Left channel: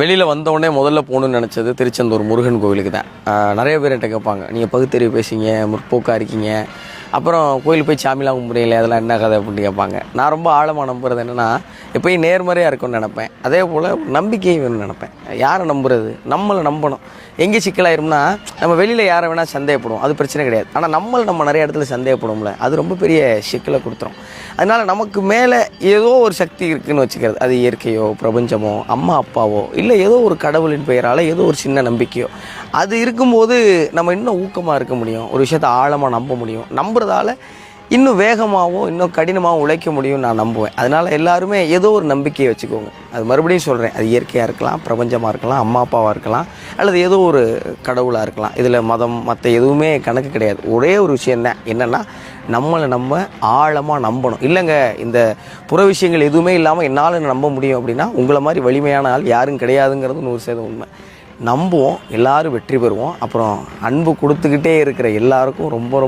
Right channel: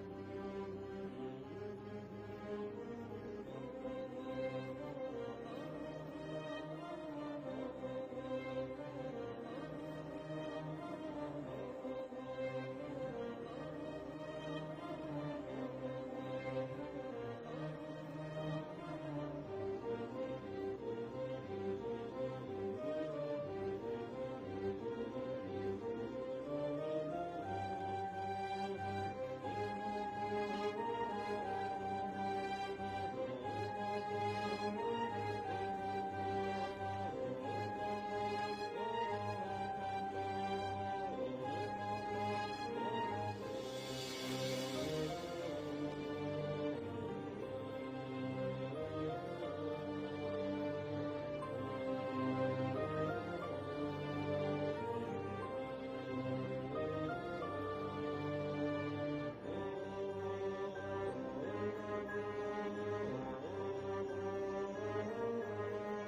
வெளியில் வந்தோடனே முதல்ல போகணுன்னு நினச்சது திருச்செந்தூர் முருகன் கோவிலுக்கு தான். நிறைய பேர் என்கிட்ட கேட்பாங்க, நீங்கள் பகுத்தறிவு பேசிங்க, முற்போக்காக இருக்கீங்க, அப்புறம் கோயிலுக்கு போய் சாமிலாம் கும்பிட்றீங்களே, அதெல்லாம் என்ன கதை அப்படின்னு கேட்பாங்க. நான் ரொம்ப ஆழமாக நம்புறது என்னென்னா, எப்போயும் நேர்மறையாக இருக்கும்னு நினப்பேன். அதே போல் நம்பிக்கை வேணும்னு நினப்பேன். யாரை நம்புறது? நம்மளை நம்பணும். எங்கே சிக்கலாயிரும்னா, நம்ம வெளியில் யாரை வேணால் சந்தேகப்படுவோம், அது பிரச்சனை கிடையாது. ஆனால் நம்ம நிறைய இடத்துல சந்தேகப்படுவோம்ல, அது ரொம்ப பெரிய சிக்கலை கொடுத்துரும். அதனால் நமக்கு மேலே ஏதோ ஒரு சக்தி இருக்குதுன்னு வச்சுக்கிறது. அது இயற்கையோ, பிரபஞ்சமோ, அம்மா அப்பாவோ, இல்லை ஏதோ ஒரு கடவுளின் பெயரால் ஏதோ ஒரு சின்ன நம்பிக்கையோ, அது இருக்கும்போது நம்ம இன்னும் ஊக்கமாக இருக்க முடியும், ஒரு விஷயத்தை ஆழமாக நம்ப முடியும். நம்புறதால இன்னும் வேகமாகவும் இன்னும் கடினமாகவும் உழைக்க முடியும்னு நான் நம்புவேன். அதனால் எல்லாருமே ஏதோ ஒரு நம்பிக்கையை வச்சுக்கோங்க. அது மறுபடியும் சொல்கிறேன், அது இயற்கையாக இருக்கலாம், பிரபஞ்சமாக இருக்கலாம், அம்மா அப்பாவாக இருக்கலாம், அல்லது ஏதோ ஒரு கடவுளாக இருக்கலாம். இதில் மதம் மற்ற எதுவுமே கணக்கு கிடையாது. ஒரே ஒரு விஷயந்தான் என்னென்னா, நம்மளை நம்ம ஆழமாக நம்பணும். இல்லைங்க, இந்த புற விஷயங்கள் எதுவுமே இல்லாமல் என்னால் நம்ப முடியும் அப்படின்னா, உங்களை மாதிரி வலிமையான ஆள் யாரும் கிடையாதுங்கிறது 100% உண்மை. நம்புவோம், எல்லோரும் வெற்றி பெறுவோம். அப்புறம் அன்பு கொடுத்துக்கிட்டே இருக்கிற எல்லாருக்கும் ரொம்ப